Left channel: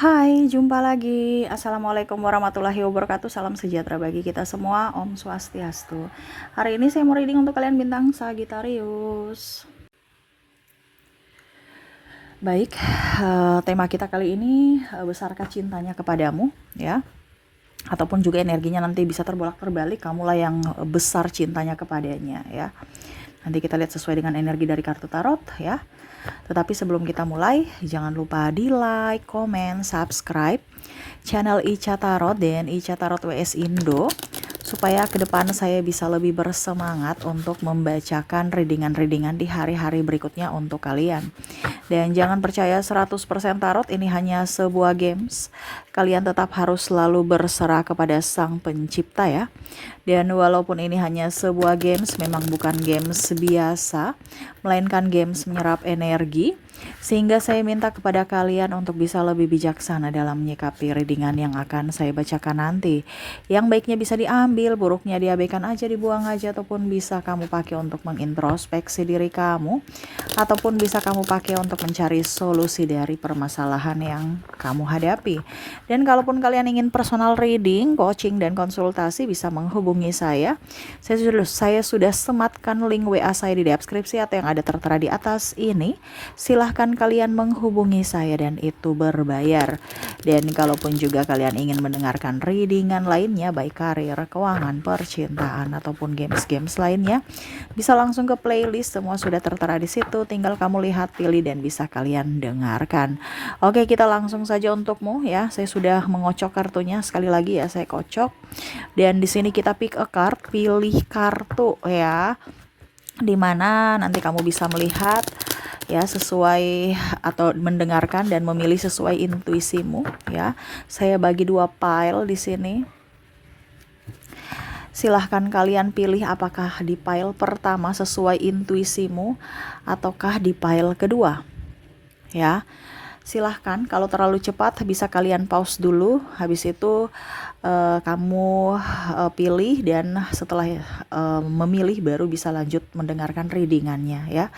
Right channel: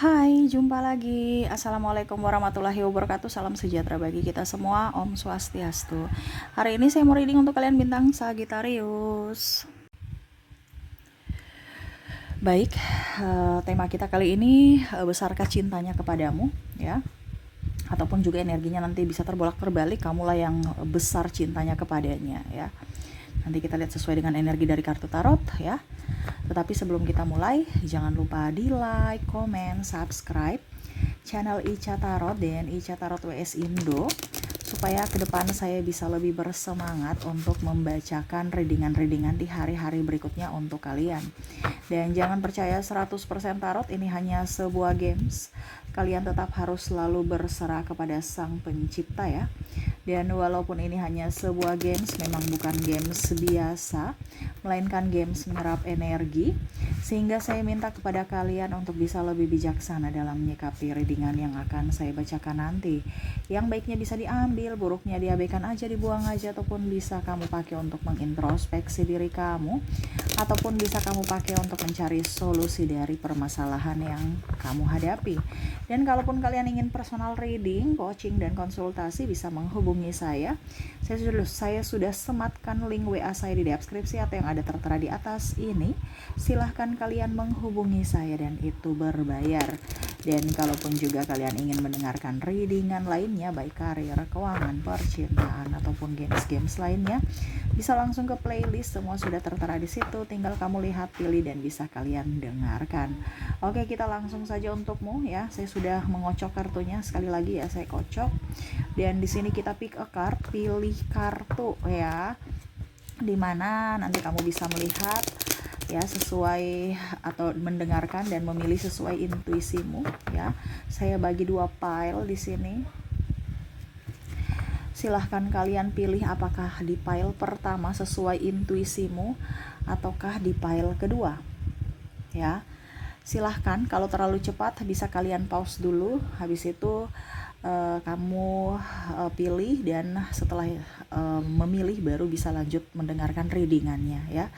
Hai, jumpa lagi. Assalamualaikum warahmatullahi wabarakatuh. Salam sejahtera bagi kita semua. Om Swastiastu. Hari ini saya mau reading untuk kalian bintang Sagittarius. Baik, tema kita kali ini besarkah cintanya kepadamu, ya? Ataupun juga energinya nanti bisa terbolak-terbalik, kamulah yang besar cintanya kepadanya, ya. Nanti kita lihat sesuai dengan energi dari kartu tarot, ya. Tetapi sebelum kita mulai, jangan lupa di like, komen, subscribe channel Ica Tarot dan Ica Tarot WS Indo, supaya ke depan saya bisa lebih bersemangat untuk membacakan readingan-readingan di hari-hari berikutnya untuk kalian. Dan jangan percaya 100% tarot ini hanya sebuah games. Kalian tetap harus selalu berserah kepada Sang Pencipta, ya. Dan walaupun ini hanya sebuah games, memang bukan games biasa, melainkan games menyerap energi, sehingga saya minta kepada kalian untuk bisa lebih bijaksana dalam menyikapi readingan yang akan saya bacakan nanti. Yang baiknya bisa diambil, buruknya diabaikan aja, dibuang aja, ataupun bisa kamu pakai untuk mengintrospeksi diri kamu, ataupun bisa kamu pakai untuk mencari solusi dari permasalahan yang kamu hadapi. Dan kalaupun kalian ingin personal reading, coaching, dan konsultasi, bisa menghubungi saya. Saya sudah sematkan link WA saya di deskripsi atau yang ada tertera di atas ini. Silahkan kalian menghubungi saya dan itu berbayar. Dan kalaupun juga kalian ingin mendengarkan readingan lainnya, baik karir, keuangan, percintaan, ataupun games-games lainnya, bisa langsung ke playlist, semua sudah tertera di situ. Tinggal kamu lihat, pilih, dan bisa kalian dengarkan. Oke, kita langsung saja untukmu, ya. Saya sudah mengocok kartunya, sekali lagi ya, saya kocok. Dan di sini kita pick a card, pilih kartu, ya, dimana nanti kamu bisa melihat, ya, sesuai atau mendengarkan dan memilih sesuai intuisimu, ya. Saya bagi 2 pile di sini. Silahkan kalian pilih apakah di pile pertama sesuai intuisimu ataukah di pile kedua, ya. Silahkan, kalau terlalu cepat bisa kalian pause dulu, habis itu kamu pilih, dan setelah memilih baru bisa lanjut mendengarkan readingannya, ya.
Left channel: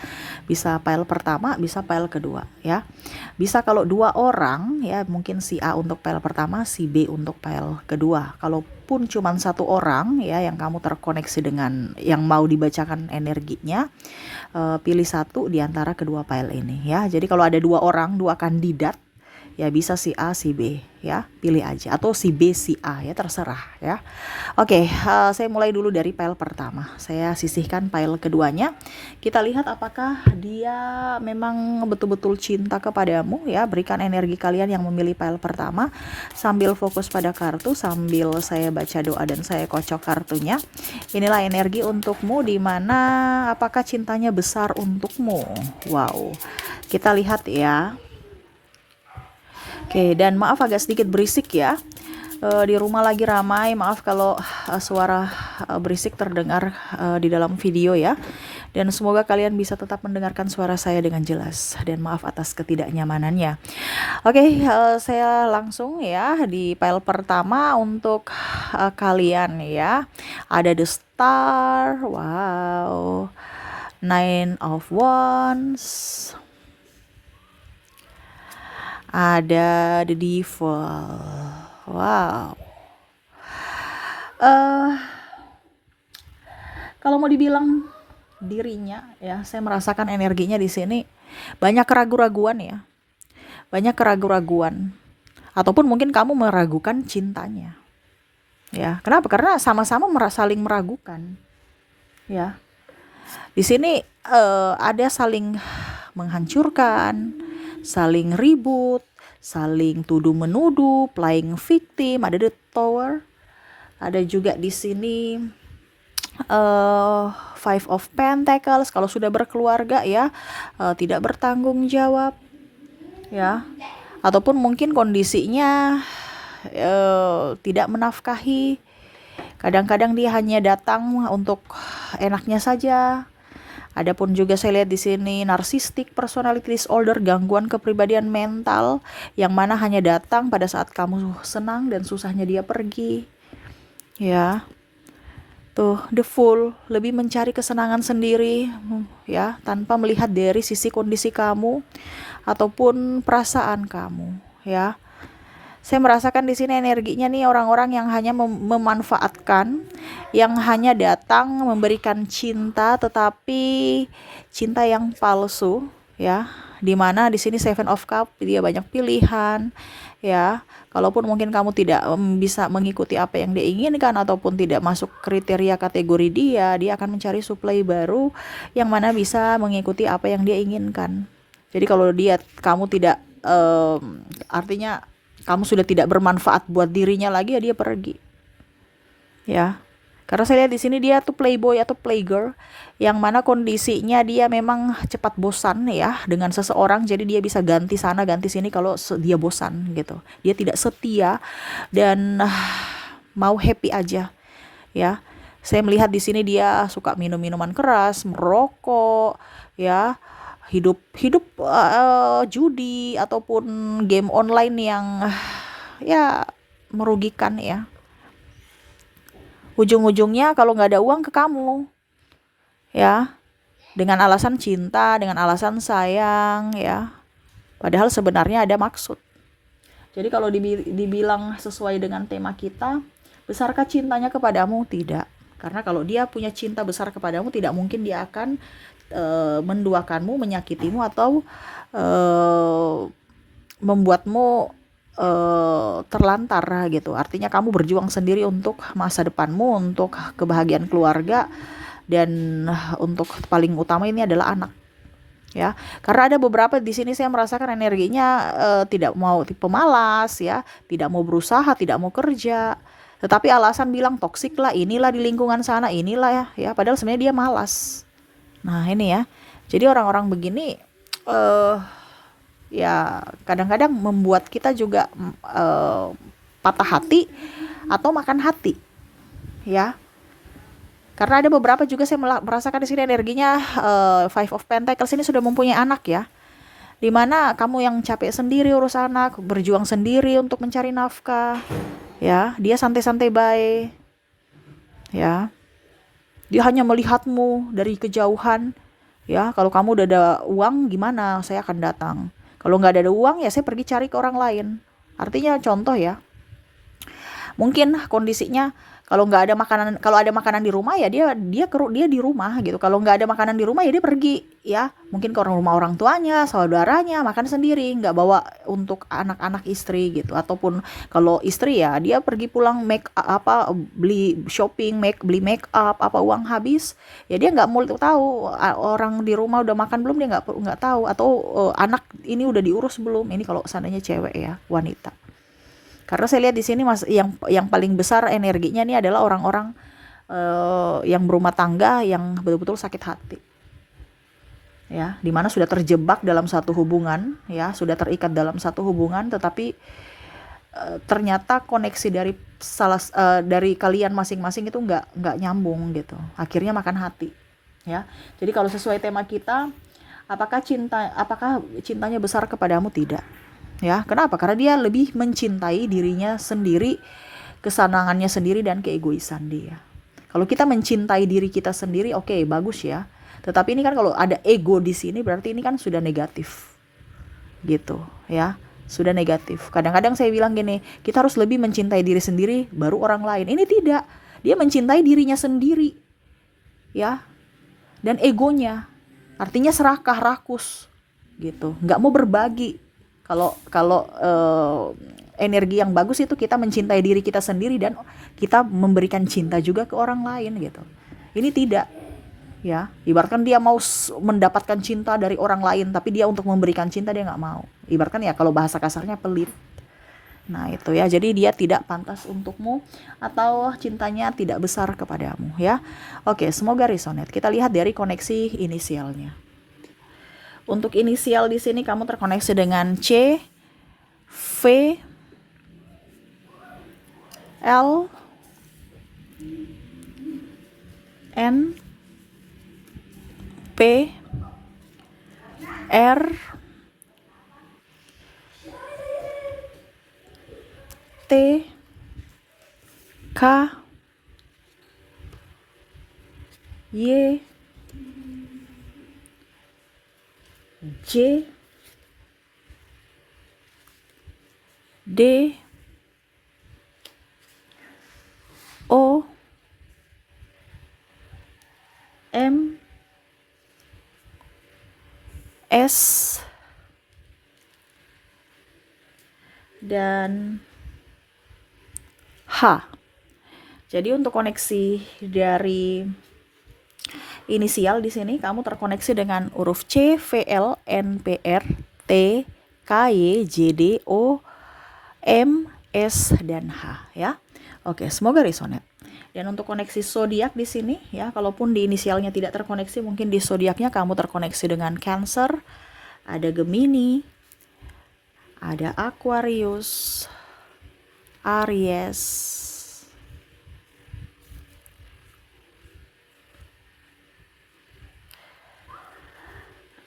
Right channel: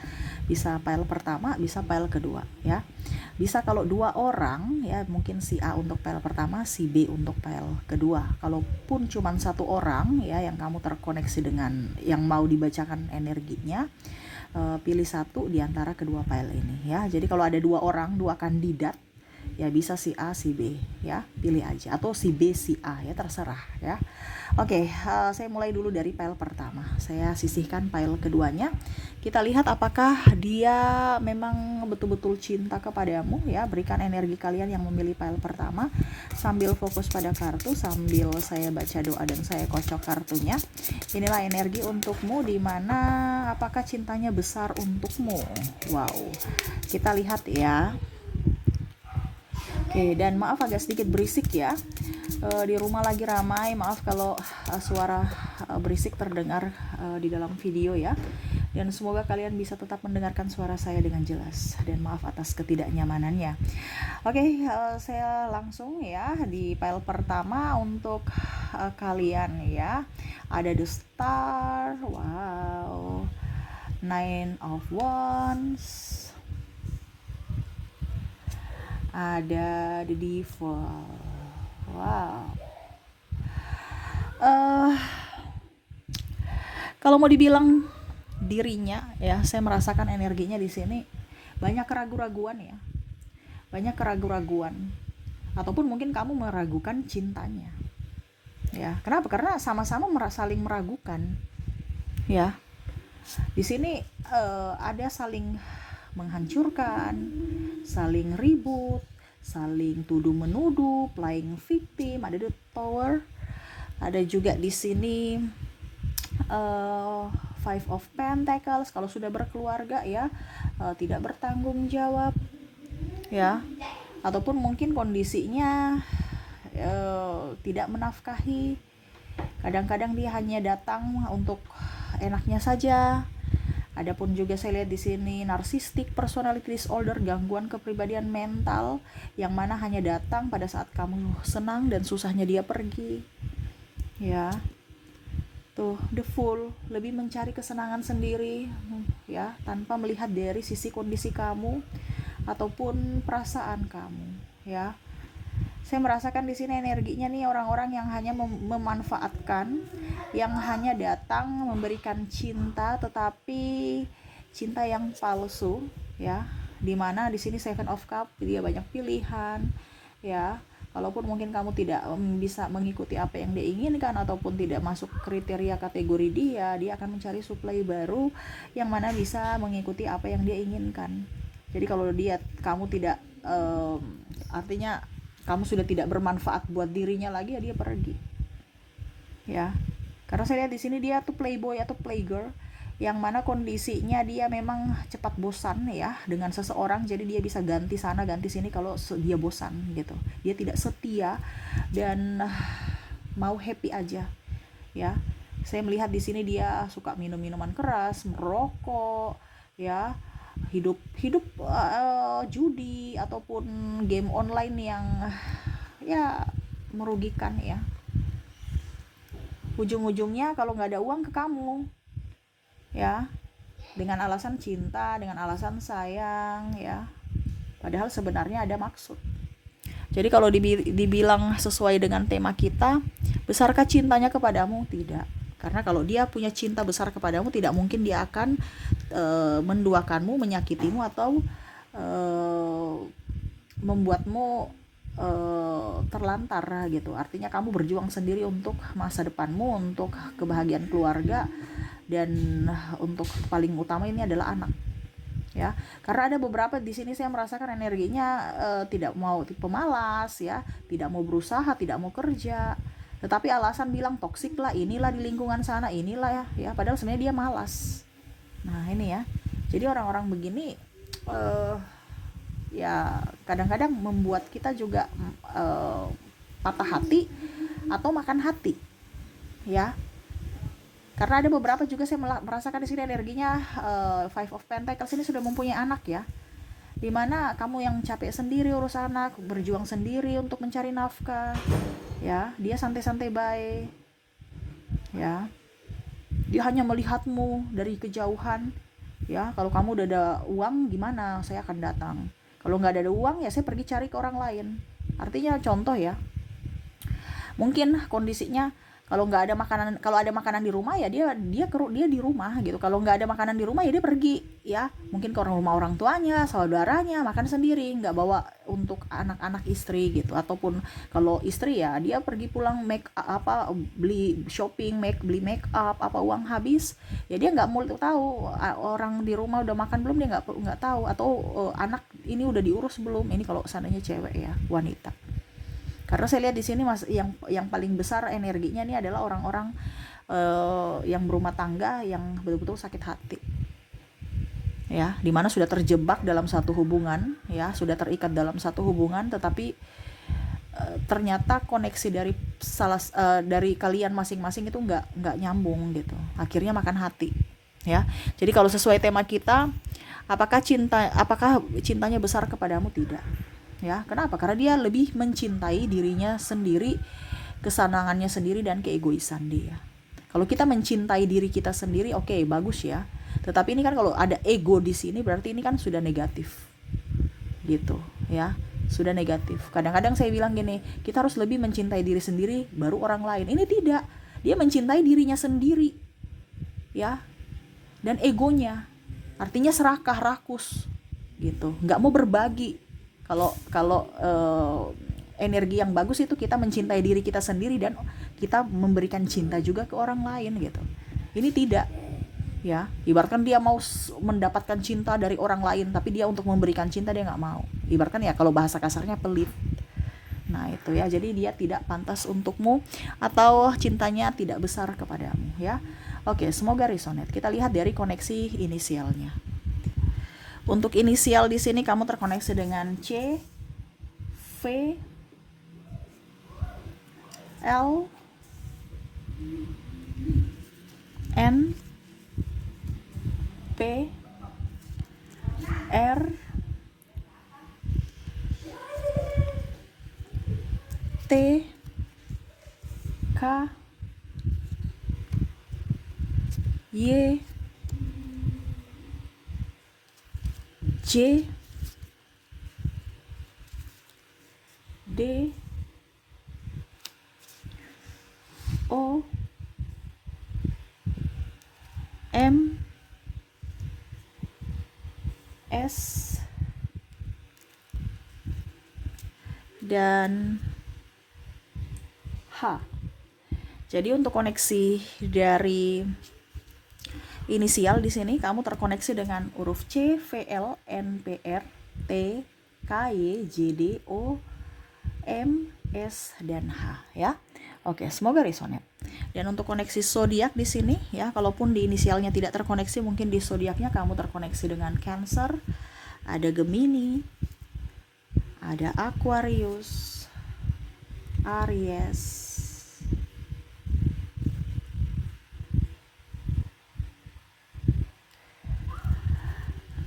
Bisa pile pertama, bisa pile kedua, ya. Bisa kalau 2 orang, ya, mungkin si A untuk pile pertama, si B untuk pile kedua. Kalaupun cuma 1 orang, ya, yang kamu terkoneksi dengan yang mau dibacakan energinya, pilih 1 di antara kedua file ini, ya. Jadi kalau ada 2 orang, 2 kandidat, ya, bisa si A, si B, ya, pilih aja, atau si B, si A, ya, terserah, ya. Oke, saya mulai dulu dari file pertama. Saya sisihkan file keduanya. Kita lihat apakah dia memang betul-betul cinta kepadamu, ya. Berikan energi kalian yang memilih file pertama sambil fokus pada kartu, sambil saya baca doa dan saya kocok kartunya. Inilah energi untukmu, di mana apakah cintanya besar untukmu. Wow, kita lihat, ya. Oke, dan maaf agak sedikit berisik, ya. Di rumah lagi ramai, maaf kalau suara berisik terdengar di dalam video, ya. Dan semoga kalian bisa tetap mendengarkan suara saya dengan jelas, dan maaf atas ketidaknyamanannya. Oke, saya langsung, ya, di file pertama untuk kalian, ya. Ada the star, wow, 9 of wands, ada the devil, wow. Kalau mau dibilang dirinya, ya, saya merasakan energinya di sini banyak keraguan-raguan, ya. Banyak keraguan-raguan, ataupun mungkin kamu meragukan cintanya, ya. Kenapa? Karena sama-sama saling meragukan, ya. Di sini ada saling menghancurkan, saling ribut, saling tuduh menuduh, playing victim. Ada the tower, ada juga di sini Five of Pentacles. Kalau sudah berkeluarga, ya, tidak bertanggung jawab, ya, ataupun mungkin kondisinya tidak menafkahi. Kadang-kadang dia hanya datang untuk enaknya saja. Adapun juga saya lihat di sini narcissistic personality disorder, gangguan kepribadian mental, yang mana hanya datang pada saat kamu senang dan susahnya dia pergi, ya. Tuh, the fool, lebih mencari kesenangan sendiri, ya, tanpa melihat dari sisi kondisi kamu ataupun perasaan kamu, ya. Saya merasakan di sini energinya nih orang-orang yang hanya memanfaatkan, yang hanya datang memberikan cinta, tetapi cinta yang palsu, ya. Dimana di sini Seven of Cup, dia banyak pilihan, ya. Kalaupun mungkin kamu tidak bisa mengikuti apa yang dia inginkan ataupun tidak masuk kriteria kategori dia akan mencari supply baru yang mana bisa mengikuti apa yang dia inginkan. Jadi kalau kamu tidak artinya kamu sudah tidak bermanfaat buat dirinya lagi, ya dia pergi. Ya. Karena saya lihat di sini dia tuh playboy atau playgirl yang mana kondisinya dia memang cepat bosan ya dengan seseorang, jadi dia bisa ganti sana ganti sini kalau dia bosan gitu. Dia tidak setia dan mau happy aja ya. Saya melihat di sini dia suka minum minuman keras, merokok, ya, hidup judi ataupun game online yang ya merugikan ya. Ujung-ujungnya kalau nggak ada uang ke kamu, ya, dengan alasan cinta, dengan alasan sayang, ya. Padahal sebenarnya ada maksud. Jadi kalau dibilang sesuai dengan tema kita, besarkah cintanya kepadamu? Tidak. Karena kalau dia punya cinta besar kepadamu, tidak mungkin dia akan menduakanmu, menyakitimu, atau membuatmu terlantar gitu. Artinya kamu berjuang sendiri untuk masa depanmu, untuk kebahagiaan keluarga, dan untuk paling utama ini adalah anak. Ya, karena ada beberapa di sini saya merasakan energinya tidak mau, tipe malas ya, tidak mau berusaha, tidak mau kerja, tetapi alasan bilang toksik lah, inilah di lingkungan sana, inilah ya, padahal sebenarnya dia malas. Nah ini ya, jadi orang-orang begini ya kadang-kadang membuat kita juga patah hati atau makan hati ya. Karena ada beberapa juga saya merasakan di sini energinya Five of Pentacles ini sudah mempunyai anak ya. Dimana kamu yang capek sendiri urus anak, berjuang sendiri untuk mencari nafkah, ya. Dia santai-santai baik, ya. Dia hanya melihatmu dari kejauhan, ya. Kalau kamu udah ada uang, gimana? Saya akan datang. Kalau nggak ada uang, ya saya pergi cari ke orang lain. Artinya contoh ya, mungkin kondisinya kalau nggak ada makanan, kalau ada makanan di rumah ya dia di rumah gitu. Kalau nggak ada makanan di rumah ya dia pergi ya, mungkin ke rumah orang tuanya, saudaranya, makan sendiri, nggak bawa untuk anak-anak istri gitu. Ataupun kalau istri ya dia pergi pulang beli shopping, beli make up, apa uang habis ya dia nggak mau tahu orang di rumah udah makan belum, dia nggak tahu, atau anak ini udah diurus belum. Ini kalau seandainya cewek ya, wanita. Karena saya lihat di sini yang paling besar energinya ini adalah orang-orang yang berumah tangga yang betul-betul sakit hati. Ya, dimana sudah terjebak dalam satu hubungan, ya, sudah terikat dalam satu hubungan, tetapi ternyata koneksi dari kalian masing-masing itu nggak nyambung gitu. Akhirnya makan hati, ya. Jadi kalau sesuai tema kita, apakah cintanya besar kepadamu? Tidak. Ya, kenapa? Karena dia lebih mencintai dirinya sendiri, kesenangannya sendiri, dan keegoisan dia. Kalau kita mencintai diri kita sendiri, oke, bagus ya. Tetapi ini kan kalau ada ego di sini berarti ini kan sudah negatif. Gitu, ya. Sudah negatif. Kadang-kadang saya bilang gini, kita harus lebih mencintai diri sendiri baru orang lain. Ini tidak. Dia mencintai dirinya sendiri. Ya. Dan egonya. Artinya serakah, rakus. Gitu. Nggak mau berbagi. Kalau energi yang bagus itu kita mencintai diri kita sendiri dan kita memberikan cinta juga ke orang lain gitu. Ini tidak, ya. Ibaratkan dia mau mendapatkan cinta dari orang lain, tapi dia untuk memberikan cinta dia nggak mau. Ibaratkan ya kalau bahasa kasarnya pelit. Nah itu ya, jadi dia tidak pantas untukmu atau cintanya tidak besar kepadamu ya. Oke, semoga resonate. Kita lihat dari koneksi inisialnya. Untuk inisial di sini kamu terkoneksi dengan C, V, L, N, P, R, T, K, Y, J, D, S, dan H. Jadi untuk koneksi dari inisial di sini kamu terkoneksi dengan huruf C, V, L, N, P, R, T, K, Y, J, D, O, M, S, dan H ya. Oke, semoga resonate. Dan untuk koneksi zodiak di sini ya, kalaupun di inisialnya tidak terkoneksi, mungkin di zodiaknya kamu terkoneksi dengan Cancer, ada Gemini, ada Aquarius, Aries,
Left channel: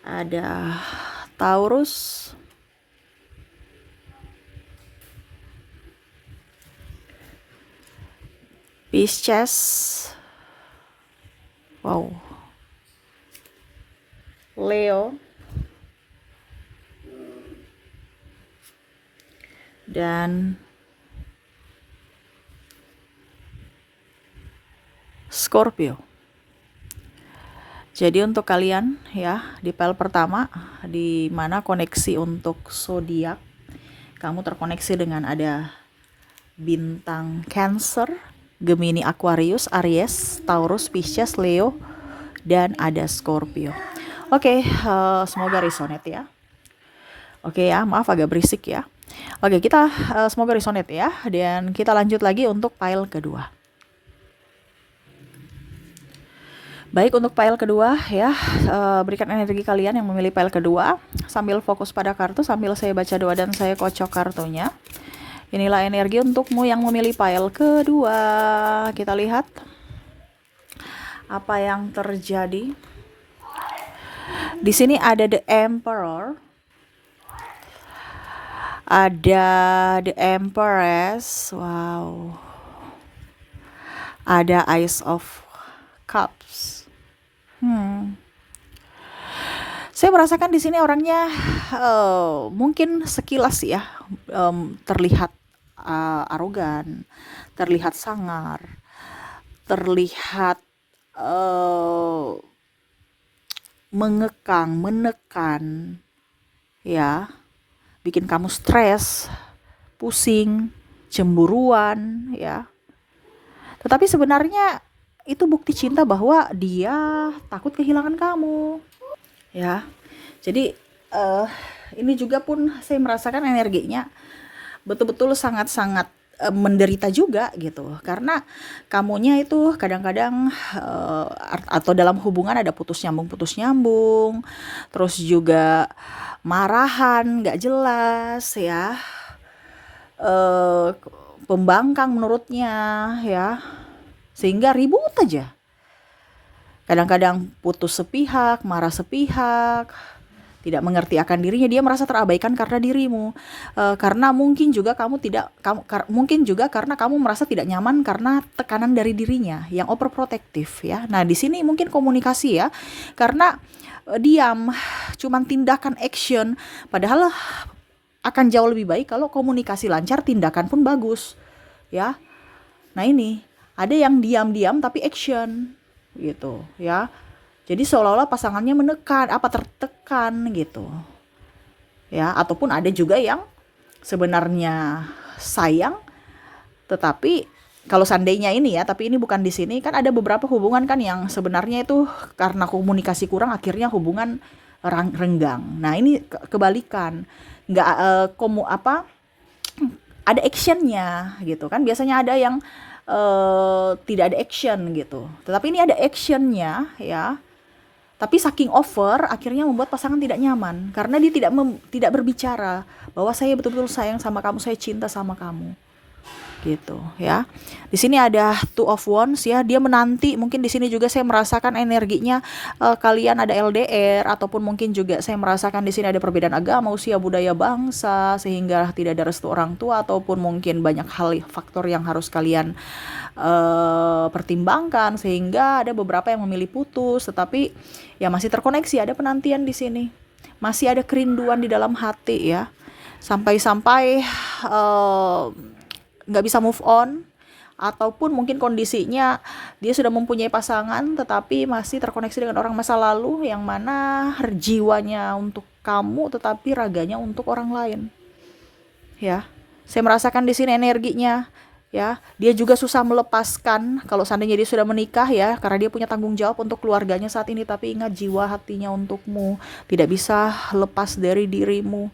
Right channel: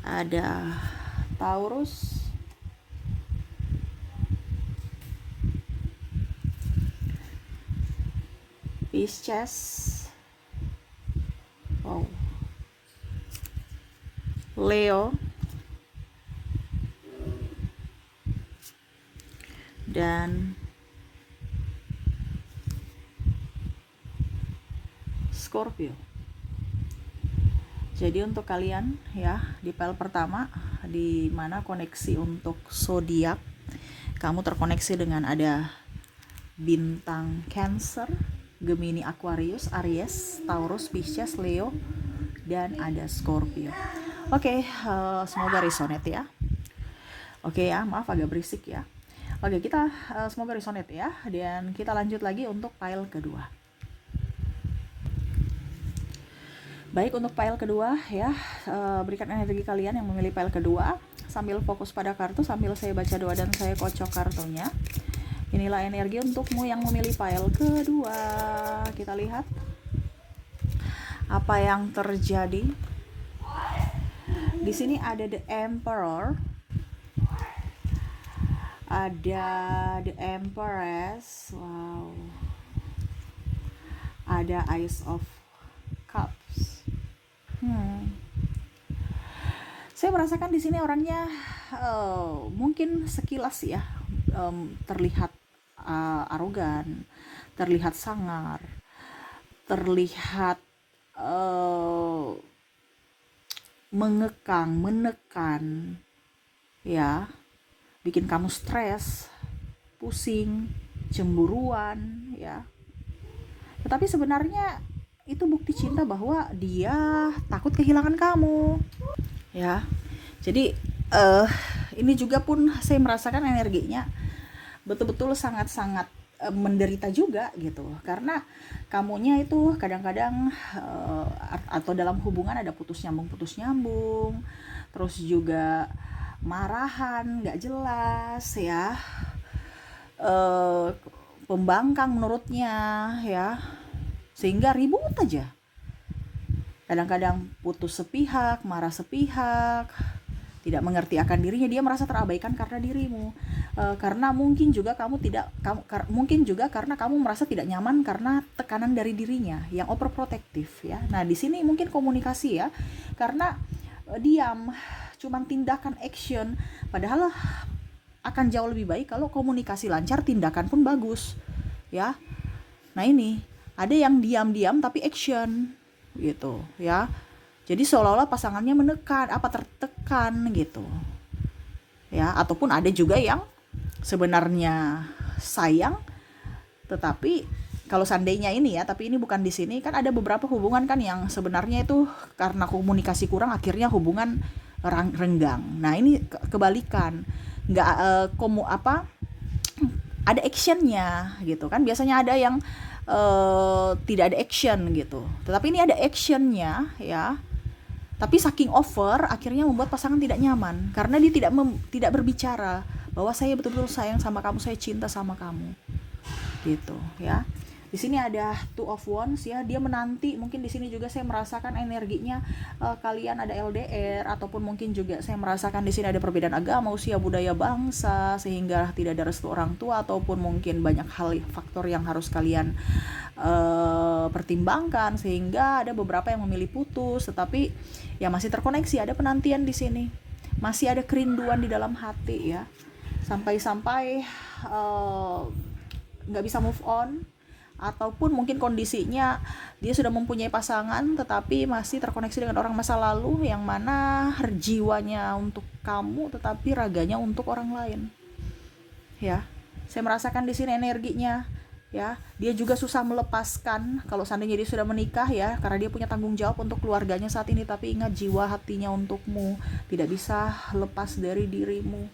ada Taurus, Pisces, wow, Leo, dan Scorpio. Jadi untuk kalian ya, di file pertama di mana koneksi untuk zodiak, kamu terkoneksi dengan ada bintang Cancer, Gemini, Aquarius, Aries, Taurus, Pisces, Leo, dan ada Scorpio. Oke, semoga resonate ya. Oke ya, maaf agak berisik ya. Oke, kita semoga resonate ya. Dan kita lanjut lagi untuk file kedua. Baik, untuk file kedua ya, berikan energi kalian yang memilih file kedua sambil fokus pada kartu, sambil saya baca doa dan saya kocok kartunya. Inilah energi untukmu yang memilih file kedua. Kita lihat apa yang terjadi. Di sini ada The Emperor, ada The Empress, wow, ada Ace of Cups. Saya merasakan di sini orangnya mungkin sekilas ya terlihat arogan, terlihat sangar, terlihat mengekang, menekan, ya, bikin kamu stres, pusing, cemburuan, ya. Tetapi sebenarnya itu bukti cinta bahwa dia takut kehilangan kamu, ya. Jadi ini juga pun saya merasakan energinya betul-betul sangat-sangat menderita juga gitu, karena kamunya itu kadang-kadang atau dalam hubungan ada putus nyambung, terus juga marahan nggak jelas ya, pembangkang menurutnya ya, sehingga ribut aja. Kadang-kadang putus sepihak, marah sepihak, tidak mengerti akan dirinya, dia merasa terabaikan karena dirimu, karena mungkin juga mungkin juga karena kamu merasa tidak nyaman karena tekanan dari dirinya yang overprotective ya. Nah di sini mungkin komunikasi ya, karena diam, cuman tindakan action, padahal akan jauh lebih baik kalau komunikasi lancar, tindakan pun bagus ya. Nah ini ada yang diam-diam tapi action gitu ya. Jadi seolah-olah pasangannya menekan, tertekan gitu. Ya, ataupun ada juga yang sebenarnya sayang, tetapi kalau seandainya ini ya, tapi ini bukan di sini, kan ada beberapa hubungan kan yang sebenarnya itu karena komunikasi kurang akhirnya hubungan renggang. Nah, ini kebalikan. Nggak ada actionnya gitu kan. Biasanya ada yang tidak ada action gitu. Tetapi ini ada actionnya ya. Tapi saking over akhirnya membuat pasangan tidak nyaman karena dia tidak berbicara bahwa saya betul-betul sayang sama kamu, saya cinta sama kamu. Gitu ya. Di sini ada Two of Wands ya, dia menanti. Mungkin di sini juga saya merasakan energinya kalian ada LDR, ataupun mungkin juga saya merasakan di sini ada perbedaan agama, usia, budaya, bangsa, sehingga tidak ada restu orang tua, ataupun mungkin banyak hal faktor yang harus kalian pertimbangkan sehingga ada beberapa yang memilih putus, tetapi ya masih terkoneksi, ada penantian di sini, masih ada kerinduan di dalam hati ya, sampai nggak bisa move on, ataupun mungkin kondisinya dia sudah mempunyai pasangan tetapi masih terkoneksi dengan orang masa lalu yang mana jiwanya untuk kamu tetapi raganya untuk orang lain. Ya, saya merasakan di sini energinya. Ya, dia juga susah melepaskan kalau seandainya dia sudah menikah ya, karena dia punya tanggung jawab untuk keluarganya saat ini, tapi ingat jiwa hatinya untukmu, tidak bisa lepas dari dirimu.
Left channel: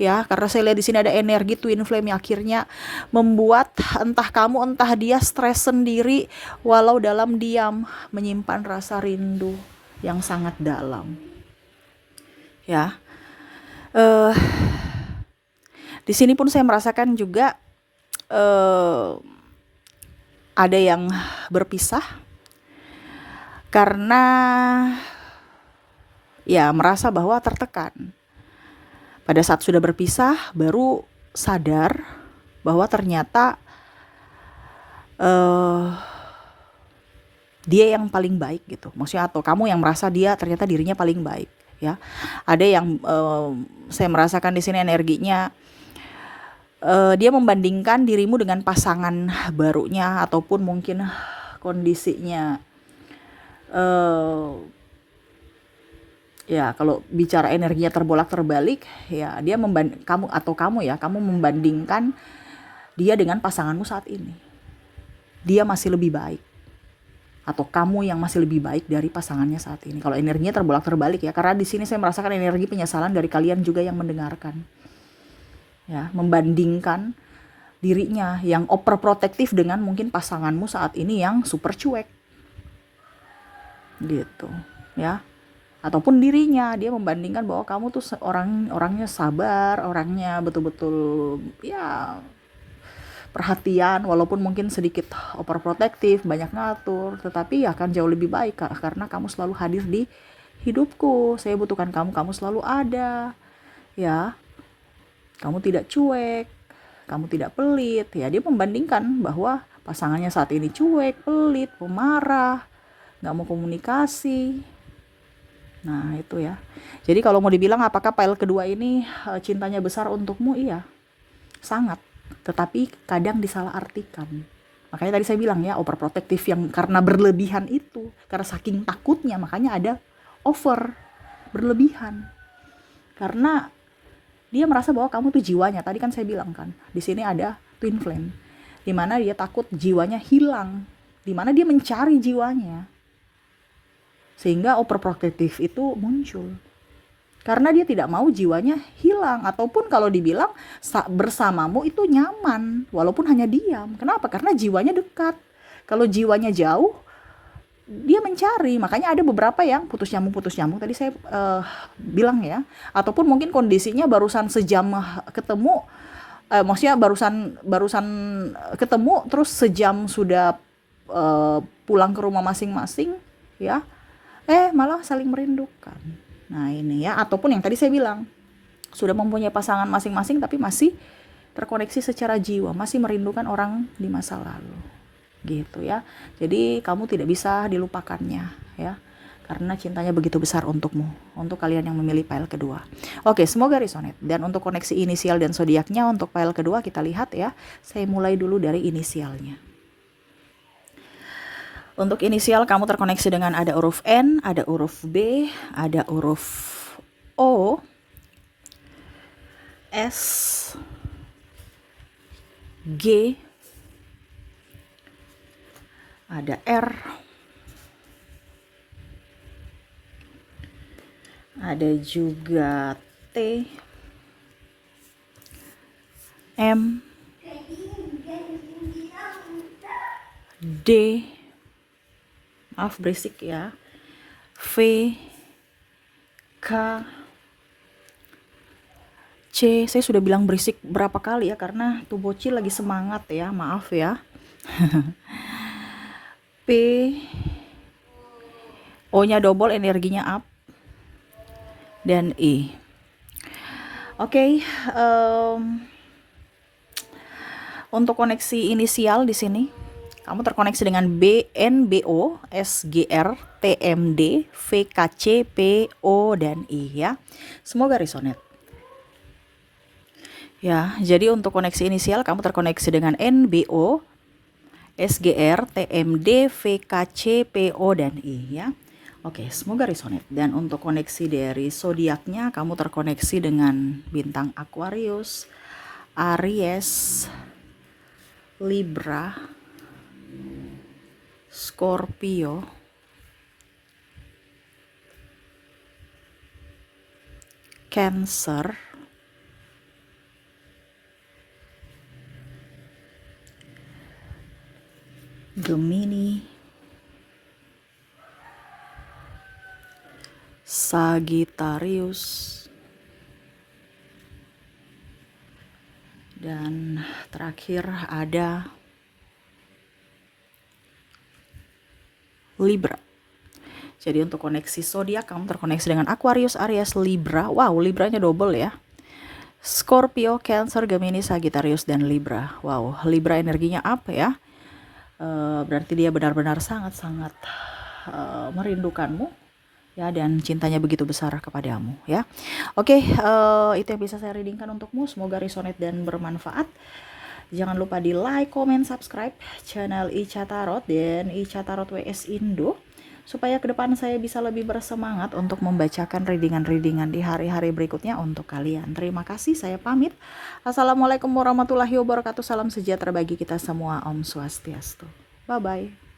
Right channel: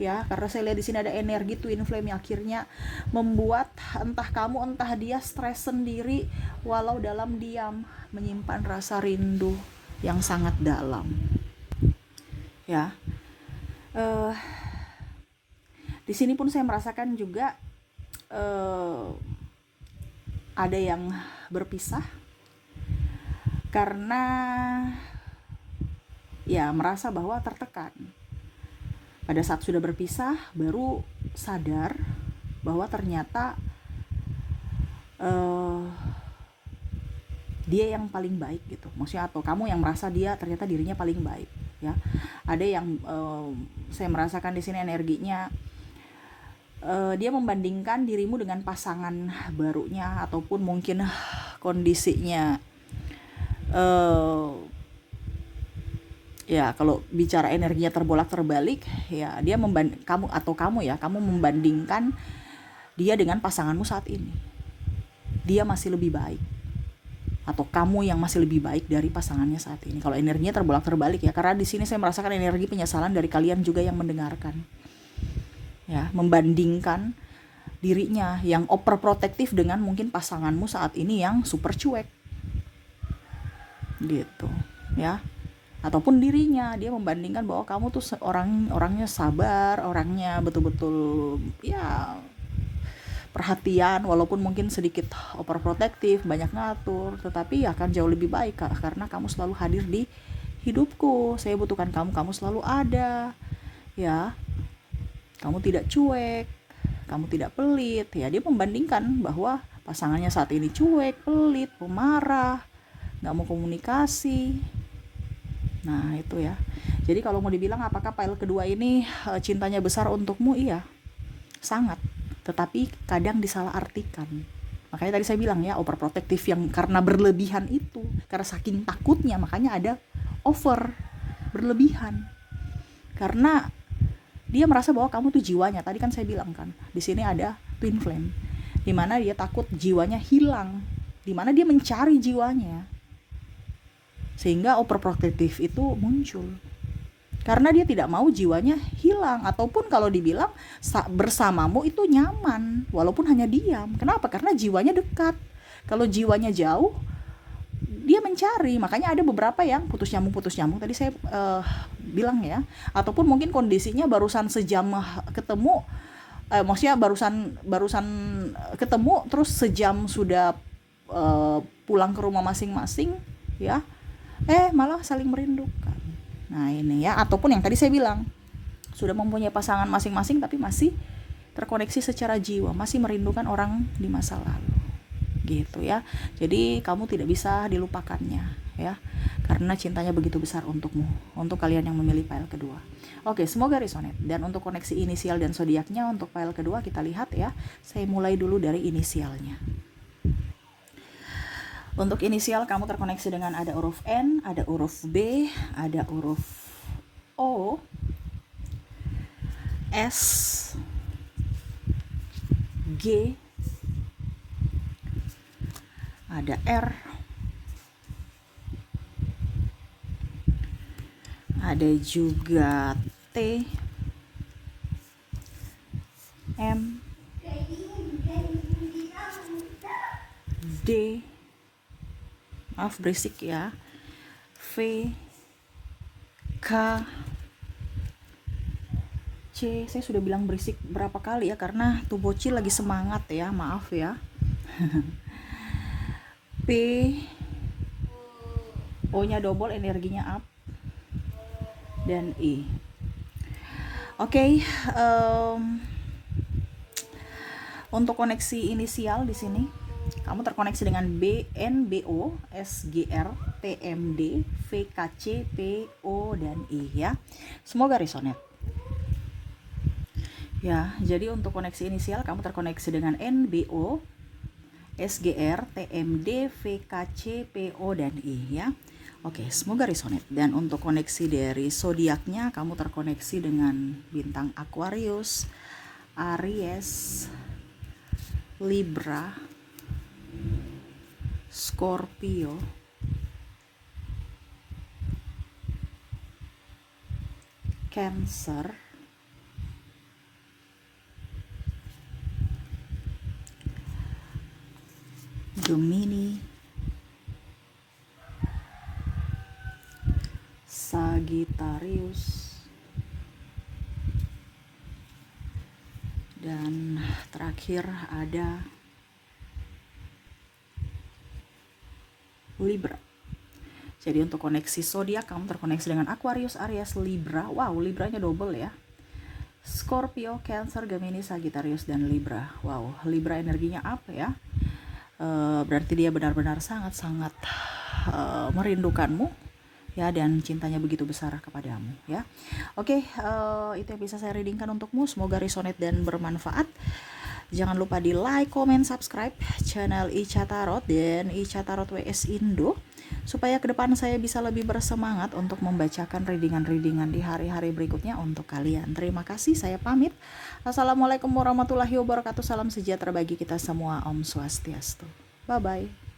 Ya, karena saya lihat di sini ada energi twin flame yang akhirnya membuat entah kamu entah dia stres sendiri walau dalam diam menyimpan rasa rindu yang sangat dalam. Ya. Di sini pun saya merasakan juga ada yang berpisah karena ya merasa bahwa tertekan. Pada saat sudah berpisah baru sadar bahwa ternyata dia yang paling baik gitu. Maksudnya atau kamu yang merasa dia ternyata dirinya paling baik ya. Ada yang saya merasakan di sini energinya dia membandingkan dirimu dengan pasangan barunya ataupun mungkin kondisinya ya kalau bicara energinya terbolak-terbalik ya dia kamu membandingkan dia dengan pasanganmu saat ini. Dia masih lebih baik atau kamu yang masih lebih baik dari pasangannya saat ini. Kalau energinya terbolak-terbalik ya, karena di sini saya merasakan energi penyesalan dari kalian juga yang mendengarkan. Ya, membandingkan dirinya yang overprotective dengan mungkin pasanganmu saat ini yang super cuek. Gitu, ya. Ataupun dirinya, dia membandingkan bahwa kamu tuh orangnya sabar, orangnya betul-betul ya perhatian, walaupun mungkin sedikit overprotective, banyak ngatur, tetapi akan jauh lebih baik karena kamu selalu hadir di hidupku. Saya butuhkan kamu, kamu selalu ada. Ya. Kamu tidak cuek, kamu tidak pelit. Ya, dia membandingkan bahwa pasangannya saat ini cuek, pelit, pemarah, nggak mau komunikasi. Nah, itu ya. Jadi kalau mau dibilang apakah pile kedua ini cintanya besar untukmu? Iya, sangat. Tetapi kadang disalahartikan. Makanya tadi saya bilang ya, overprotective yang karena berlebihan itu, karena saking takutnya makanya ada over, berlebihan. Karena dia merasa bahwa kamu tuh jiwanya. Tadi kan saya bilang kan, di sini ada twin flame, di mana dia takut jiwanya hilang, di mana dia mencari jiwanya, sehingga overprotective itu muncul. Karena dia tidak mau jiwanya hilang, ataupun kalau dibilang bersamamu itu nyaman, walaupun hanya diam. Kenapa? Karena jiwanya dekat. Kalau jiwanya jauh, dia mencari. Makanya ada beberapa yang putus nyambung tadi saya bilang ya, ataupun mungkin kondisinya barusan sejam ketemu, maksudnya barusan ketemu terus sejam sudah pulang ke rumah masing-masing ya, malah saling merindukan. Nah ini ya, ataupun yang tadi saya bilang sudah mempunyai pasangan masing-masing tapi masih terkoneksi secara jiwa, masih merindukan orang di masa lalu. Gitu ya. Jadi kamu tidak bisa dilupakannya ya, karena cintanya begitu besar untukmu, untuk kalian yang memilih pile kedua. Oke, semoga resonate. Dan untuk koneksi inisial dan zodiaknya untuk pile kedua kita lihat ya. Saya mulai dulu dari inisialnya. Untuk inisial kamu terkoneksi dengan ada huruf N, ada huruf B, ada huruf O, S, G, ada R, ada juga T, M, D, maaf berisik ya, V, K, C. Saya sudah bilang berisik berapa kali ya, karena tuh bocil lagi semangat ya, maaf ya. P, O-nya double, energinya up, dan E. Oke, untuk koneksi inisial di sini kamu terkoneksi dengan B, N, B, O, S, G, R, T, M, D, V, K, C, P, O, dan I ya. Semoga resonate. Ya, jadi untuk koneksi inisial kamu terkoneksi dengan N, B, O, SGR, TMD, VKC, PO, dan I ya. Oke, semoga resonate. Dan untuk koneksi dari zodiaknya, kamu terkoneksi dengan bintang Aquarius, Aries, Libra, Scorpio, Cancer, Gemini, Sagittarius, dan terakhir ada Libra. Jadi untuk koneksi zodiak kamu terkoneksi dengan Aquarius, Aries, Libra. Wow, Libranya double ya. Scorpio, Cancer, Gemini, Sagittarius, dan Libra. Wow, Libra energinya apa ya? Berarti dia benar-benar sangat-sangat merindukanmu ya, dan cintanya begitu besar kepadamu ya. Oke, itu yang bisa saya readingkan untukmu. Semoga resonate dan bermanfaat. Jangan lupa di like, comment, subscribe channel Ica Tarot dan Ica Tarot WS Indo, supaya ke depan saya bisa lebih bersemangat untuk membacakan readingan-readingan di hari-hari berikutnya untuk kalian. Terima kasih, saya pamit. Assalamualaikum warahmatullahi wabarakatuh. Salam sejahtera bagi kita semua. Om Swastiastu. Bye-bye.